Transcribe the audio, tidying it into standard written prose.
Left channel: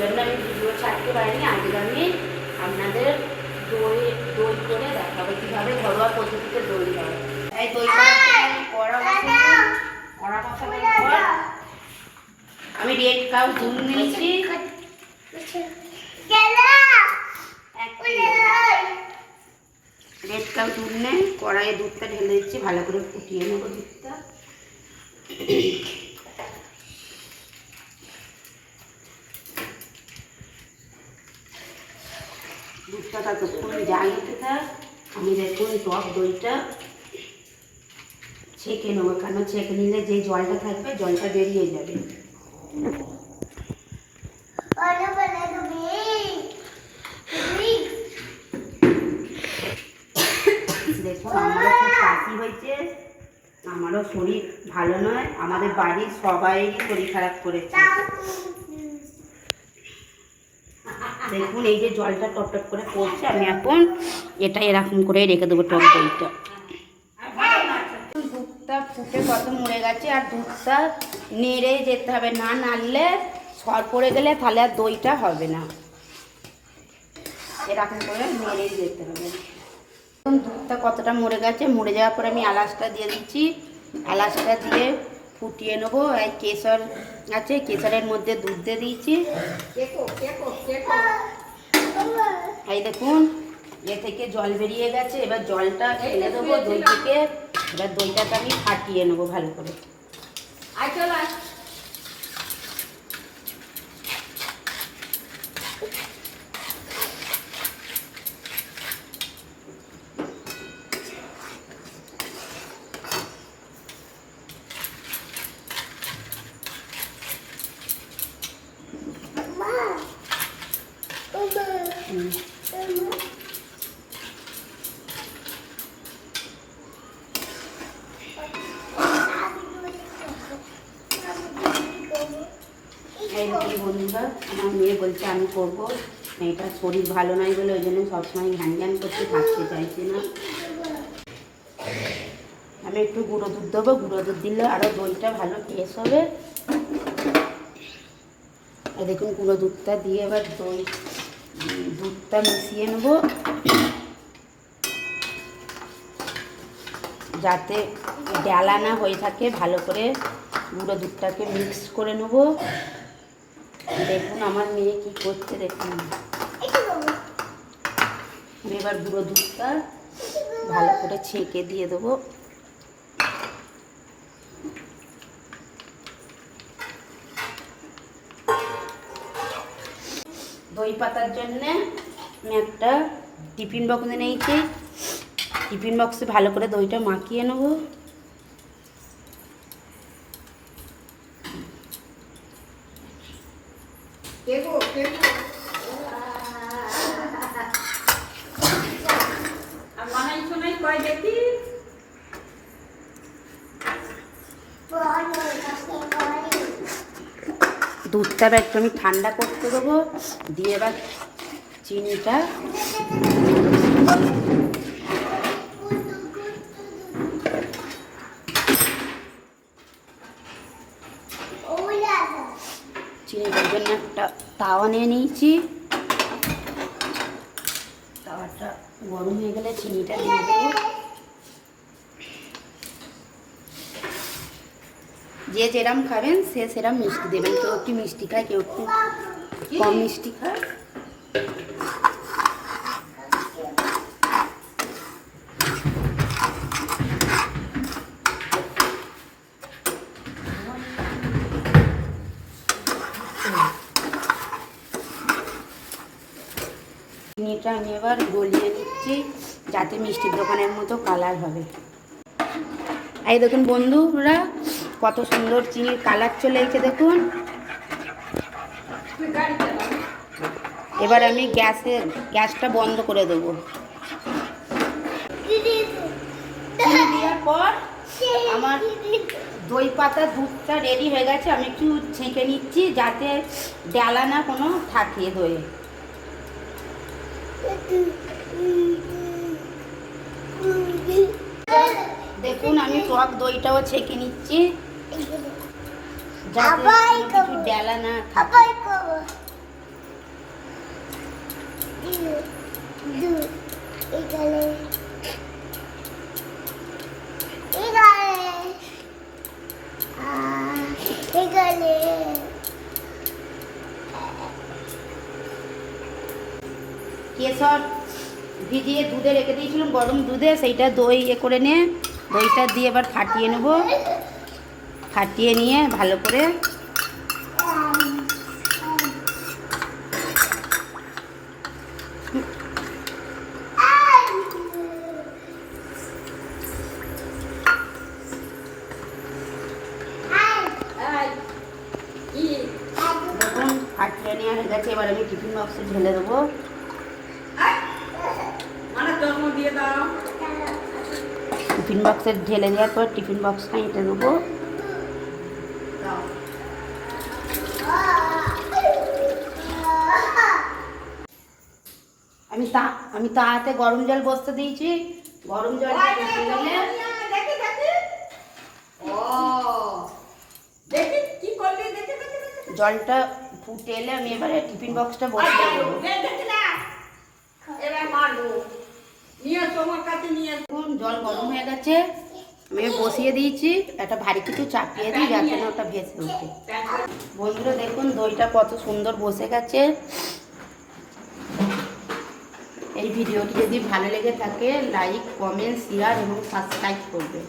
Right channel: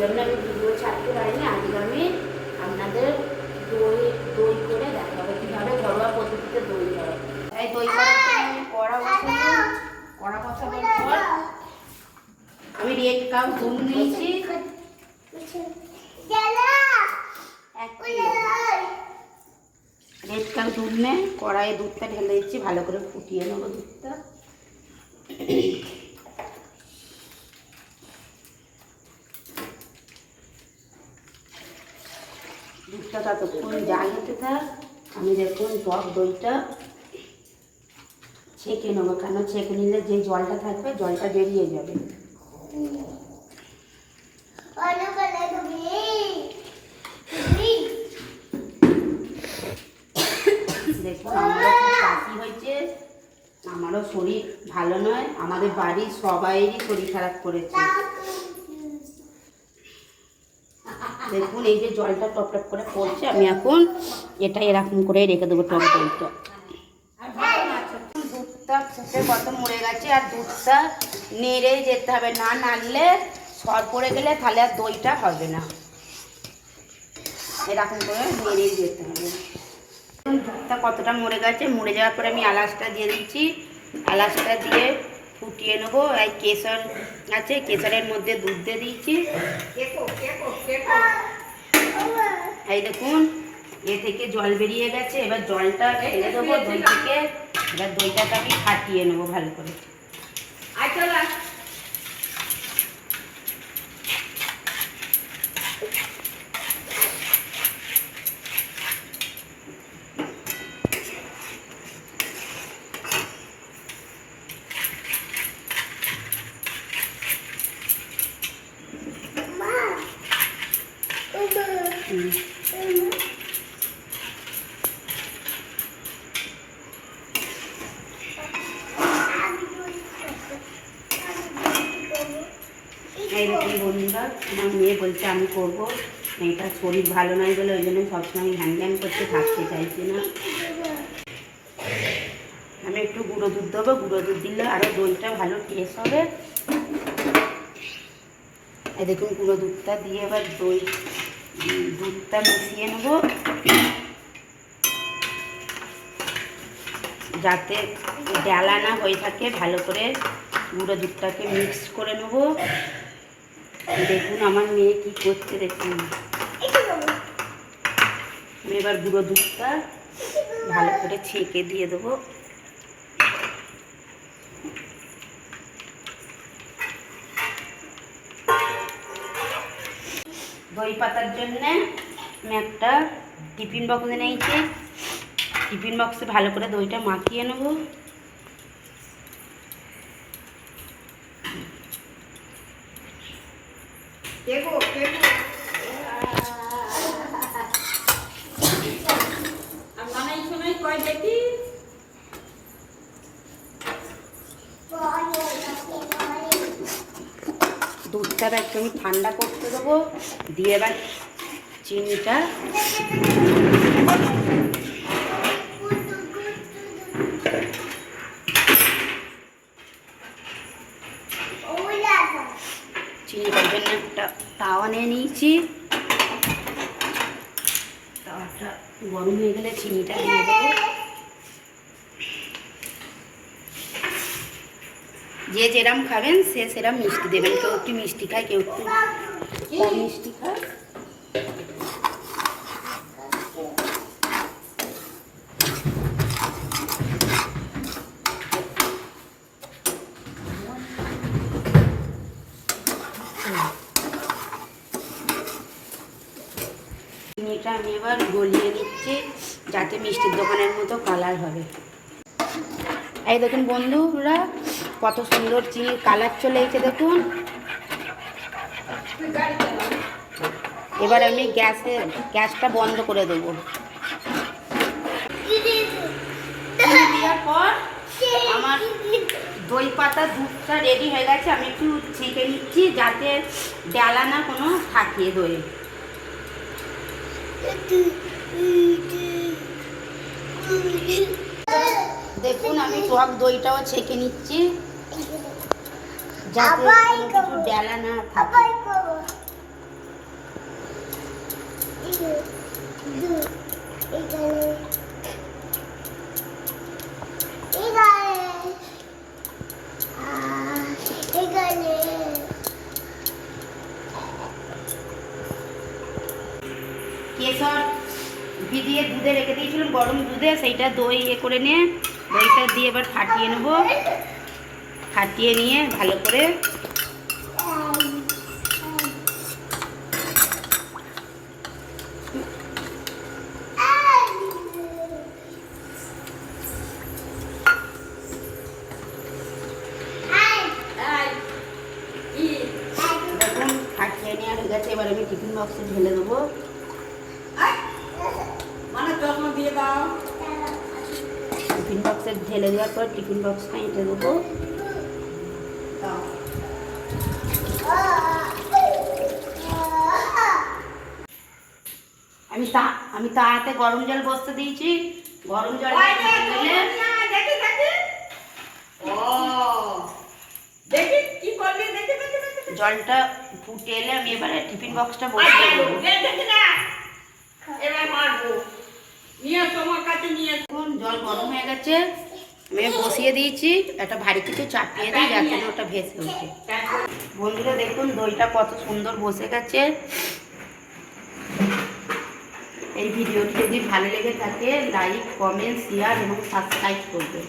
জন্য আমি ভিডিও ছাড়তে পারিনি। আজকে আমি আপনাদের দই দই করে দেখাবো কীভাবে ঘরোয়া পদ্ধতিতে দই হয়। এই দই কড়া বসানোর পর আমি রেড কাউ দুধ নিয়েছি, রেড কাউ দুধ নিয়ে কড়াইয়ে দুধটা ঢেলে দিচ্ছি, ভালো করে ফুটিয়ে নেবো দুধটা। দুধটা ততক্ষণ জ্বালিতে থাক, আমি দেখুন টক দইটা ছেঁকে নেবো, কেন ছেঁকে নিলে যে জলটা থাকবে জলটা বেরিয়ে যাবে। দেখুন আমারও খুব কাশি হয়েছে, আমারও শরীর ভালো নয়, আমাদের বাড়ির সবাইরই শরীর খারাপ করেছে। দেখুন এই যে জলটা টপ টপ করে পড়ছে, আমি এখন এটা এরকম করে রেখে দেবো টক দইটা। দুধটা ফুটে কত মরে গেছে, আর দুধটা নেড়ে যেতে হবে, না নাড়লে সর পড়ে গেলে তাহলে আর দইটা হবে না, এরকম করে নেড়ে যেতে হবে। দুধটা কতটা মরে গেছে, মরে যাওয়ার পরে আমি এলাচটা দিয়ে দিচ্ছি, এলাচটা দিয়ে ফুটিয়ে নেবো। এই কেশর আছে, কেশরের মধ্যে দুধ দিয়ে দিয়েছি। এই দেখুন এ থেকে জল বেরিয়ে গেছে, এবার জলটা ফেলে দেবো দই থেকে। এবার দইটাকে আমি ফাটিয়ে নেবো ভালো করে। এই বন্ধুরা, আমার মেয়ে বলছে আমি করবো, মেয়েটার শরীর ভালো নাই বলে ওই জন্য সবসময় ঘ্যান ঘ্যান করতে থাকতে চাইছি না। আমি একটু গুঁড়ো দুধ দেবো, গুঁড়ো দুধ দিলে আরও দইটা ভালো টেস্ট হবে। এই দেখুন গুঁড়ো দুধটা দিয়ে এবার দুধটা মিশিয়ে নেব, যাতে ডালা না হয়ে থাকে। ভালো করে গুঁড়ো দুধটাকে মিক্স করে নেব। দেখুন আমার মেয়ে কি করছে, দেখুন আমি এবার গুঁড়ো দুধটা ভালো করে ছেঁকে দিয়ে দেবো। দই পাতার জন্যে আমি একটা টিফিন বক্স নিয়েছি, টিফিন বক্সে ভালো করে দইটা মাখিয়ে নেব। দুধটা একটু আমি ঠান্ডা করতে দেবো, দিয়ে এবার চিনিটা চিনিটার জন্য একটা তাওয়া নিয়ে নিয়েছি। তাওয়াটা গরম হয়ে গেলে চিনিটা দিয়ে দেবো। যে যেরকম খাবেন সে সেরকম মিষ্টি দেবেন, কেউ একটু মিষ্টি খায়, কেউ একটু কম মিষ্টি খায়। চিনিটা আমি এবার গলিয়ে নিচ্ছি, যাতে মিষ্টির দোকানের মতো কালার হবে। এই দেখুন বন্ধুরা কত সুন্দর চিনির কালার চলে এসেছে, দেখুন। এবার আমি গ্যাসটা বন্ধ করে দেবো। দেওয়ার পর আমার দই পাতা দুধটা রেডি হয়ে গেছে, আমি একটু ছেঁকে নিচ্ছি যাতে ডালা না কোনো থাকে দইয়ে। দেখুন আমি টক দইটাও ছেঁকে নিচ্ছি যাতে কিছু ডালা না থাকে। কেশর ভিজিয়ে দুধে রেখে দিয়েছিলাম, গরম দুধে, সেইটা দই করে নিয়ে দইটা দিয়ে এবার ফাটিয়ে নেব। ফাটিয়ে নিয়ে ভালো করে দেখুন ফাটিয়ে নেওয়া হয়ে গেছে। এবার আমি টিফিন বক্সে ঢেলে দেবো। টিফিন বক্সে ঢেলে দেওয়ার পর টিফিন বক্সটা এটা দেবো। আমি তাতে গরম জল বসতে দিয়েছি। গরম জল জলটা ফুটে এলে আমি এবারে টিফিন বক্সটা বসিয়ে দেবো। জল গরম হয়ে গেছে, আমি বসিয়ে দিয়েছি। একটা ভারী কিছু চাপিয়ে দিই যাতে ওটা ভেসে উঠে। বন্ধুরা দেখুন দইটা কত সুন্দর বসে গেছে। এই ভিডিওটি যদি ভালো লেগে থাকে লাইক, কমেন্ট, শেয়ার এবং সাবস্ক্রাইব করবে।